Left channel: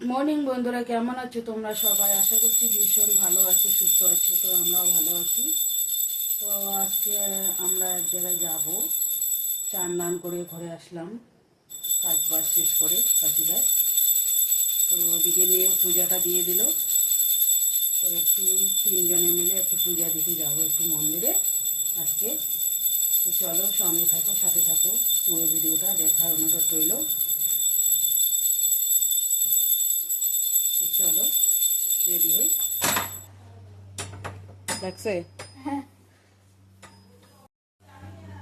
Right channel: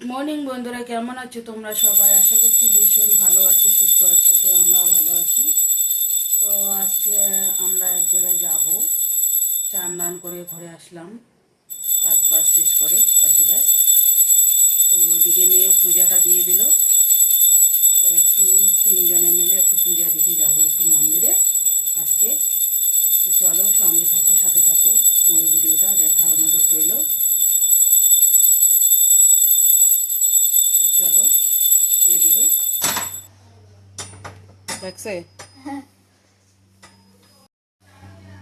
Good morning বন্ধুরা, কেমন আছো তোমরা সবাই? আশা করছি ভীষণ ভালো আছো, সুস্থ আছো। তো আমরাও ভালো আছি। তো আজকে আমরা এক জায়গায় যাব, চান দান করে ঘরে আসলাম, কাজ বাজ শেষ করে বাসি কাজ। তো ওদিকে মেয়েও পূজাটা দিয়ে দিল। তো একটু তিনজনে মিলে একটু পূজা দিতে যাব একটু মন্দিরে আজকে। তো চলো, সঙ্গে থাকো, সাথে থাকো, পুরো ভিডিওটা দেখার অনুরোধ রইল। তো চলো রেডি হই, লাগছে।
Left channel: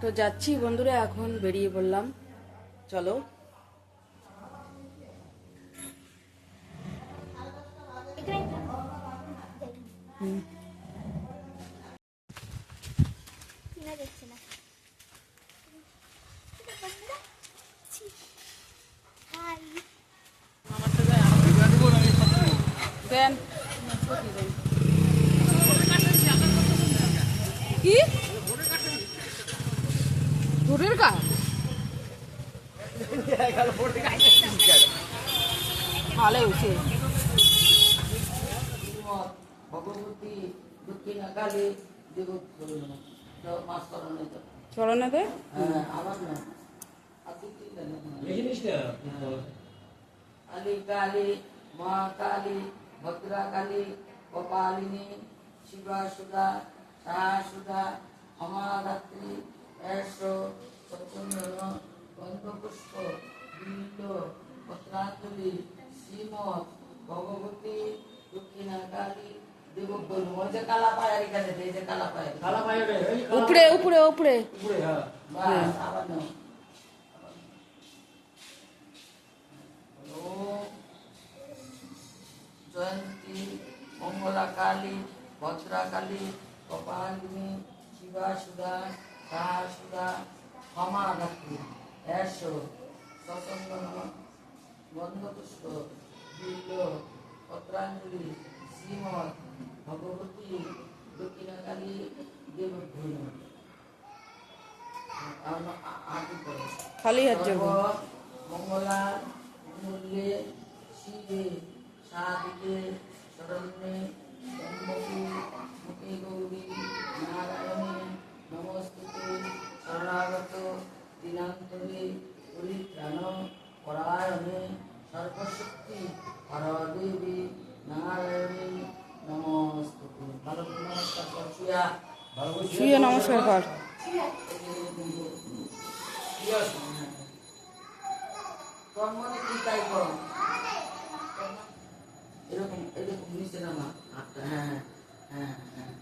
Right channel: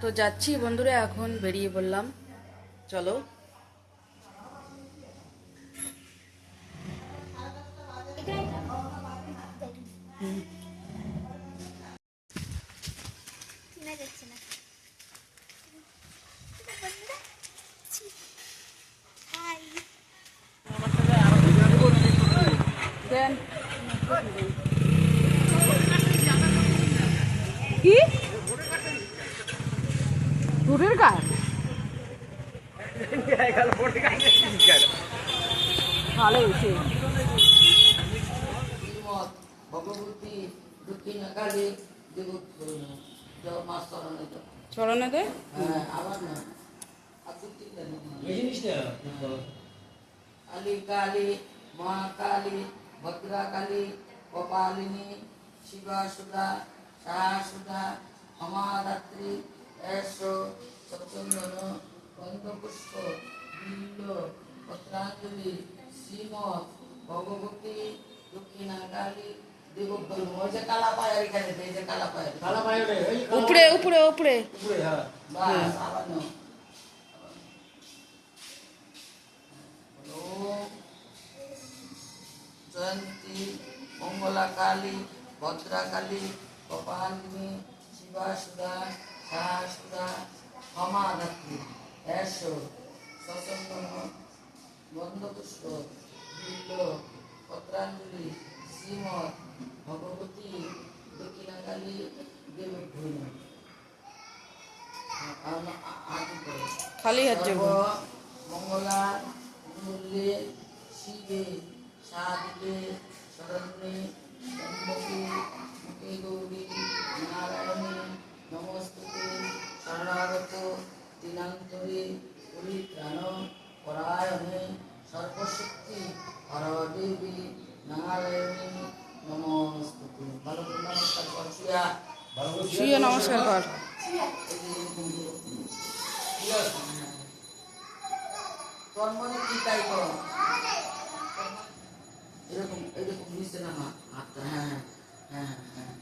তো যাচ্ছি বন্ধুরা, এখন বেরিয়ে পড়লাম, চলো। দেন কি দূরের গায়ে ভালো হয়েছে। ভগবতী দক্ষিণ কালী চরণে দে আবার না কালী কালী মা কালী ভদ্রা কালী কপালিনী শিবা সুধা সাহা সুধা অমারাত্রি এসো সত্যেন্দ্র গন্ধপুষ্প বিল্ল পত্রাঞ্জলি শ্রীমৎ ভগবতী দক্ষিণা কালী দেব বলবো। ওই যে কালা পায়ের এখানে, এই যে কালা পায়ের উপরে উপরে উপরে উপরে, হ্যাঁ বাস আবার নাও। জয়ন্তী মঙ্গলা কালী ভদ্রা কালী কপালিনী শিবা সুধা সাহা সুধা ক্ষমাধাত্রী এসো সচন্দন গন্ধপুষ্প বিল্ল পত্রাঞ্জলি শ্রীমৎ ভগবতী দক্ষিণা কালী দেবভূম। খালি হাত যাব মঙ্গলা মূল্যে শিবে সাদিকে শরণ্যে জন্মকে মুখে গৌরী নারায়ণে নমস্তুতে শরণাগত দিনান্তরে পরিত্রাণ পরায়ণে সর্বশক্তি হরদেবী নারায়ণে নমস্তুতে। ভালো নমস্কার কর, শুয়ে নমস্কার কর। তোর মনে কি তাই কর, এরকম এরকম নিচে নামা হাতটা, হ্যাঁ হ্যাঁ হ্যাঁ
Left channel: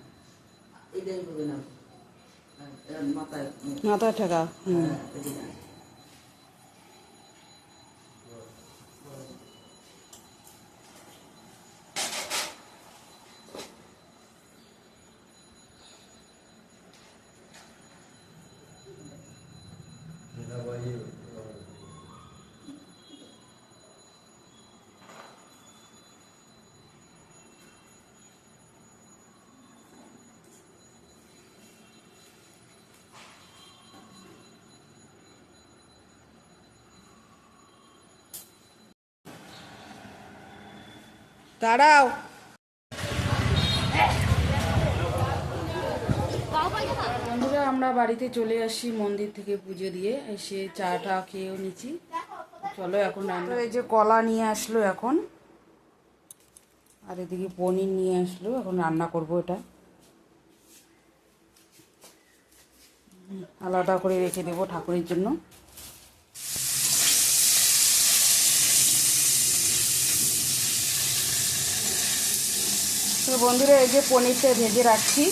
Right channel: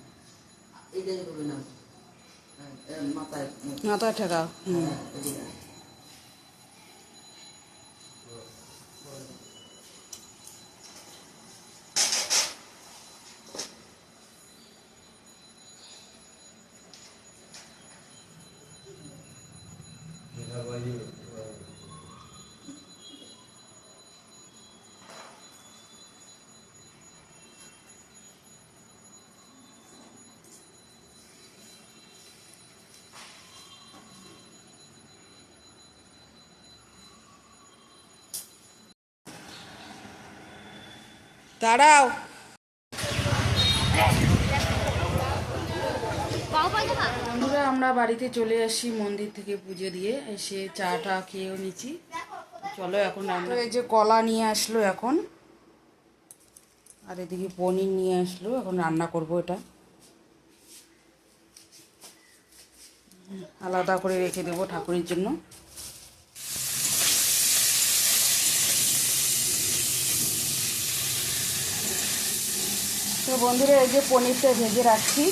এটাই করবে না, মাথায় মাথায় ঠেকা। দাঁড়াও, বন্ধুরা আমরা বাড়িতে চলে আসি মন্দির থেকে পুজো দিয়ে এসে, চাটা খেয়েও নিচ্ছি। চলো এখন রান্না। এই যে কলা নিয়ে আসলো এখন, আর এদিকে পনির নিয়ে আসলো, এখন রান্না করব। এটা আলাদা করে রেখে দেবো ঠাকুরের জন্য। তো বন্ধুরা এই যে পনিরটা ভেজে রাখছি,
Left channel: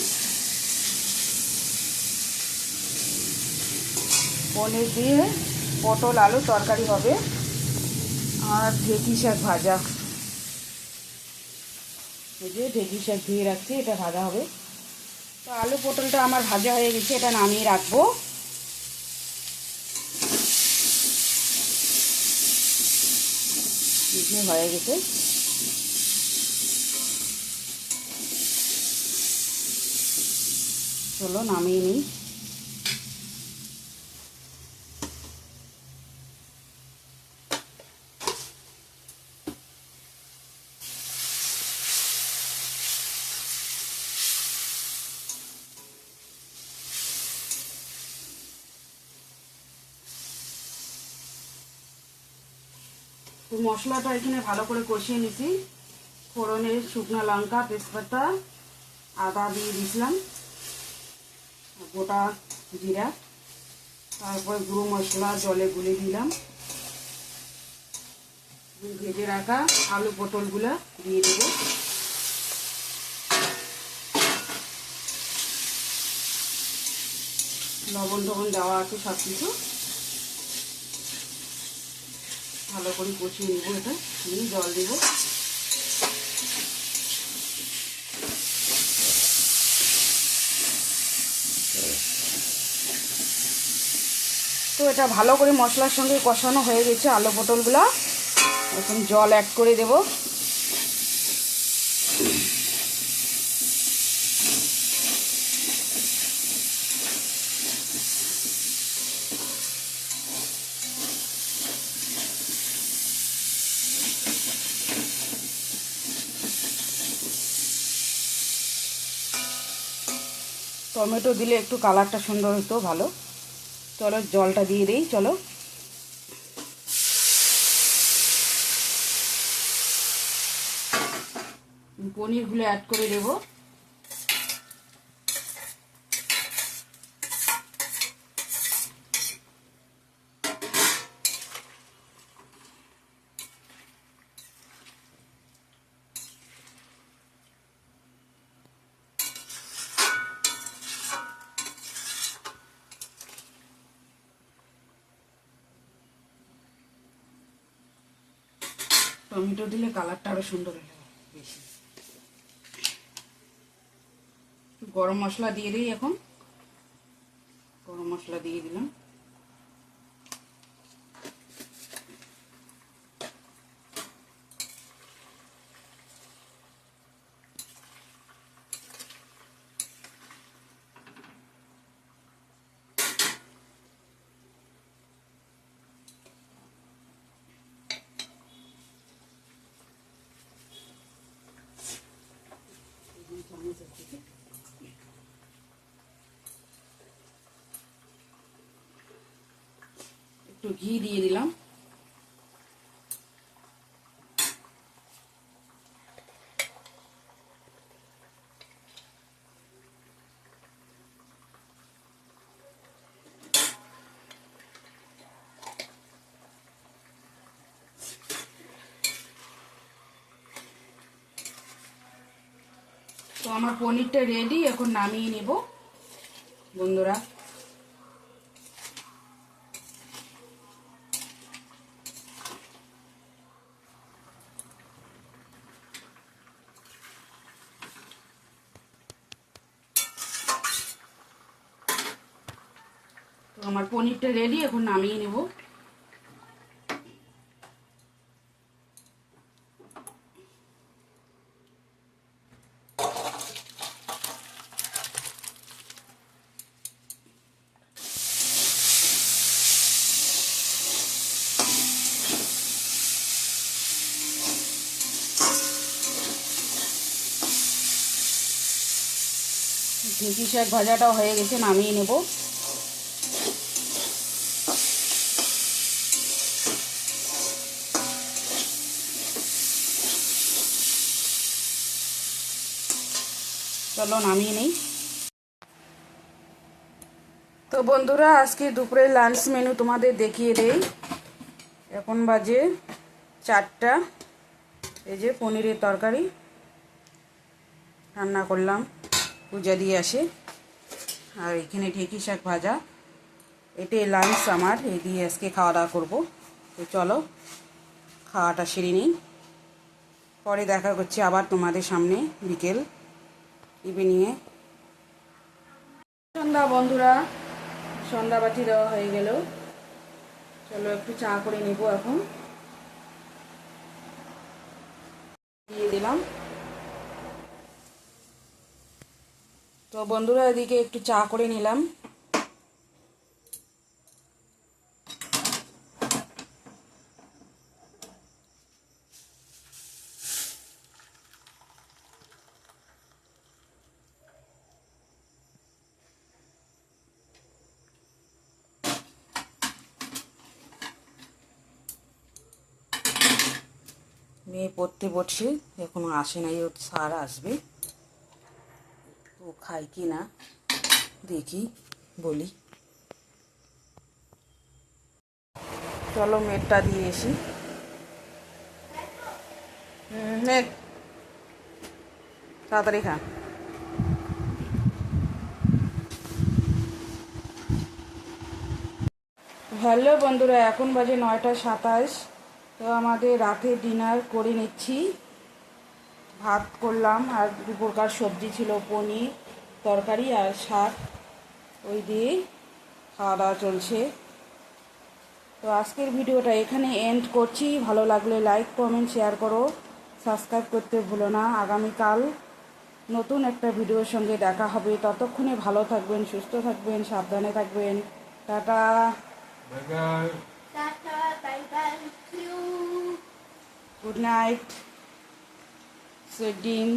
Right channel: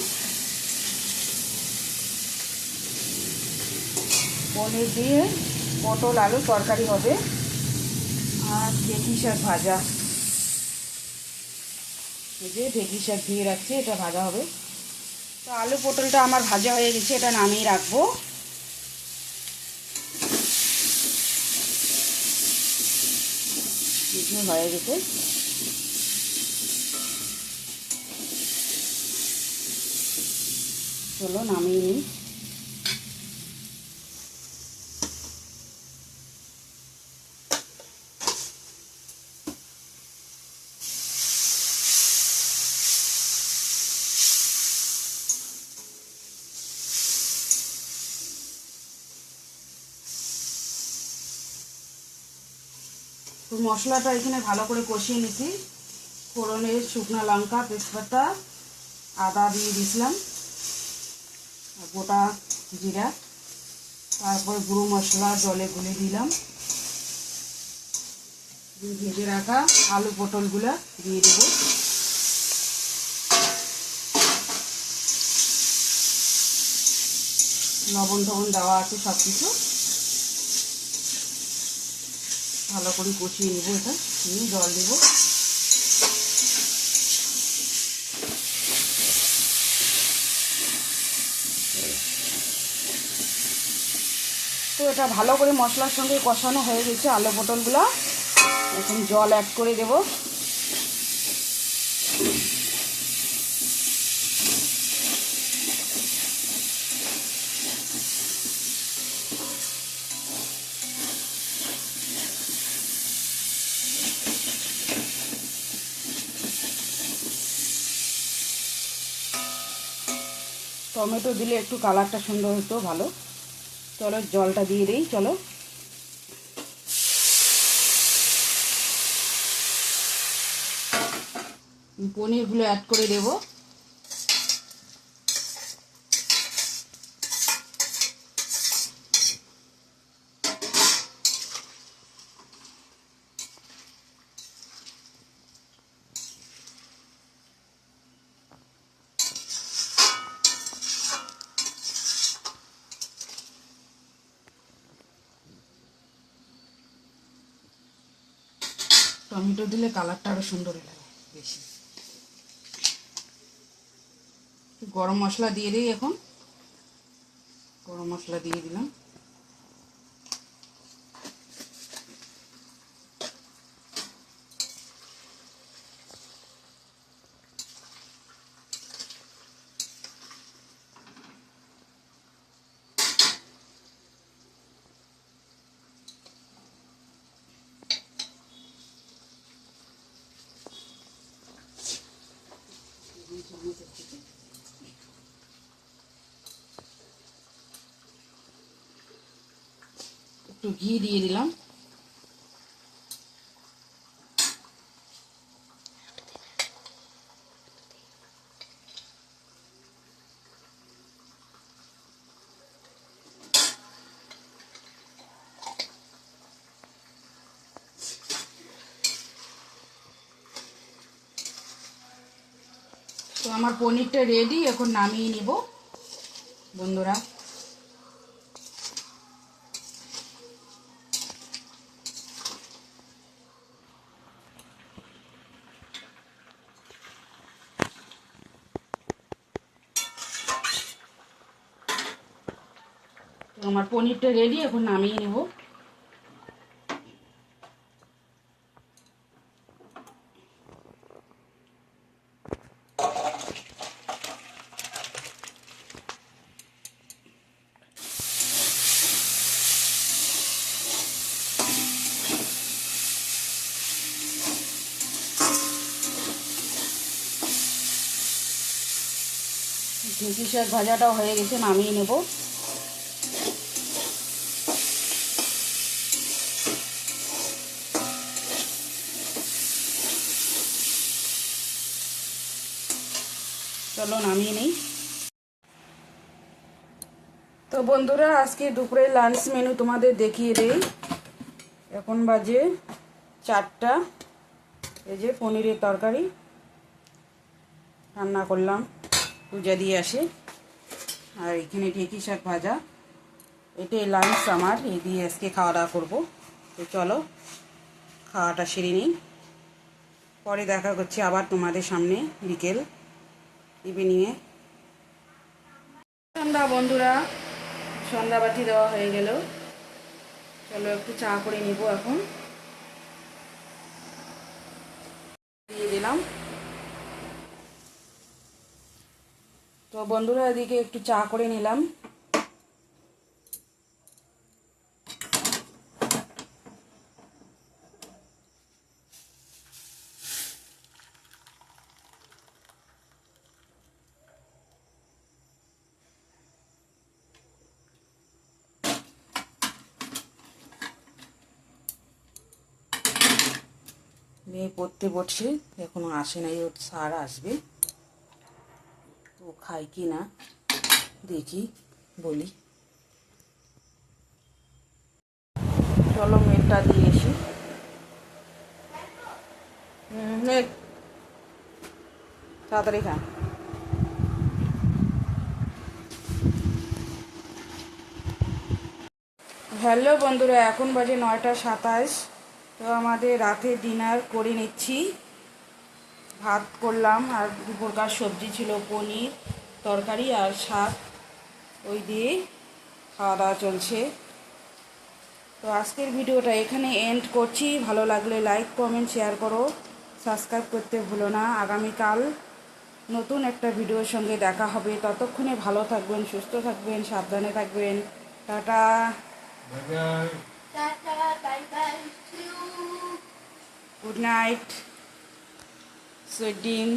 পনির দিয়ে পটল আলু তরকারি হবে, আর ঢেঁকি শাক ভাজা। এই যে ঢেঁকি শাক দিয়ে রাখছি, এটা ভাজা হবে। তো আলু পটলটা আমার ভাজা হয়ে গেছে, এটা নামিয়ে রাখবো। হয়ে গেছে, চলো নামিয়ে নিই। তো মশলাটা এখানে ভালো করে কষিয়ে নিছি। ফোড়নে শুকনো লঙ্কা, তেজপাতা, আদা দিয়ে দিয়েছিলাম, গোটা জিরা, তারপর গুঁড়ো মশলা জলে গুলে দিলাম। ভেজে রাখা আলু পটলগুলো দিয়ে দেবো। লবণ টবণ দেওয়া আছে সব কিছু। ভালো করে কষিয়ে নেবো। এটা নিয়ে জল দেবো। তো এটা ভালো করে মশলার সঙ্গে কষানো হয়ে গেছে আলু পটলগুলো। এখন জল অ্যাড করে দেব। টমেটো দিলে একটু কালারটা সুন্দর হতো, ভালো। চলো জলটা দিয়ে দিই। চলো পনিরগুলো অ্যাড করে দেব। টমেটো দিলে কালারটা আরো সুন্দর লাগে বেশি। গরম মশলা দিয়ে দিই। এখন গরম মশলা দিয়ে দিলাম। একটু ঘি দিয়ে দিলাম। তো আমার পনিরটা রেডি। এখন নামিয়ে নেব বন্ধুরা। তো আমার পনিরটা রেডি। এখন নামিয়ে নেব। ঢেঁকি শাক ভাজাটাও হয়ে গেছে, নামিয়ে নেব। চলো নামিয়ে নেই। তো বন্ধুরা, আজকে দুপুরের লাঞ্চ মেনু তোমাদের দেখিয়ে দেই। এখন বাজে 4টা। এই যে পনিরের তরকারি রান্না করলাম, পূজা দিয়ে আসে। আর এখানে ঢেঁকি শাক ভাজা। এটাই লাঞ্চ আমার। এই দিয়ে আজকে খাওয়া দাওয়া করবো। তো চলো খাওয়াটা সেরে নিই। পরে দেখা করছি আবার তোমাদের সামনে বিকেল ইভিনিংয়ে। সন্ধ্যা বন্ধুরা, সন্ধ্যাবাতি দেওয়া হয়ে গেল। চলো একটু চা করে নিব। এখন দিয়ে দিলাম। তো বন্ধুরা, এদিকে একটু চা করে নিলাম। মেয়ে পড়তে বসছে, এখনো আসে নাই, ওর স্যার আসবে, ও খায় কি না দেখি বলি। চলো মেয়েটা দিয়ে এসি। তাড়াতাড়ি খা। হ্যালো বন্ধুরা, এখন বাজে 9:27। তো আমাদের রাতে ডিনার করে নিচ্ছি। ভাত করলাম আর দুপুরকার সবজি ছিল, পনির তরকারি আর শাক, ওই দিয়ে খাওয়া দাওয়া চলছে। তো আজকের ভিডিওটা এখানে এন্ড করছি। ভালো লাগলে লাইক কমেন্ট শেয়ার করো, সাবস্ক্রাইব করতে ভুলো না। আগামীকাল নতুন একটা ভিডিওর সঙ্গে দেখা হবে। ততক্ষণে ভালো থাকবেন, সুস্থ থাকবেন, সাবধানে থাকবেন। Tata, good night, sweet dream.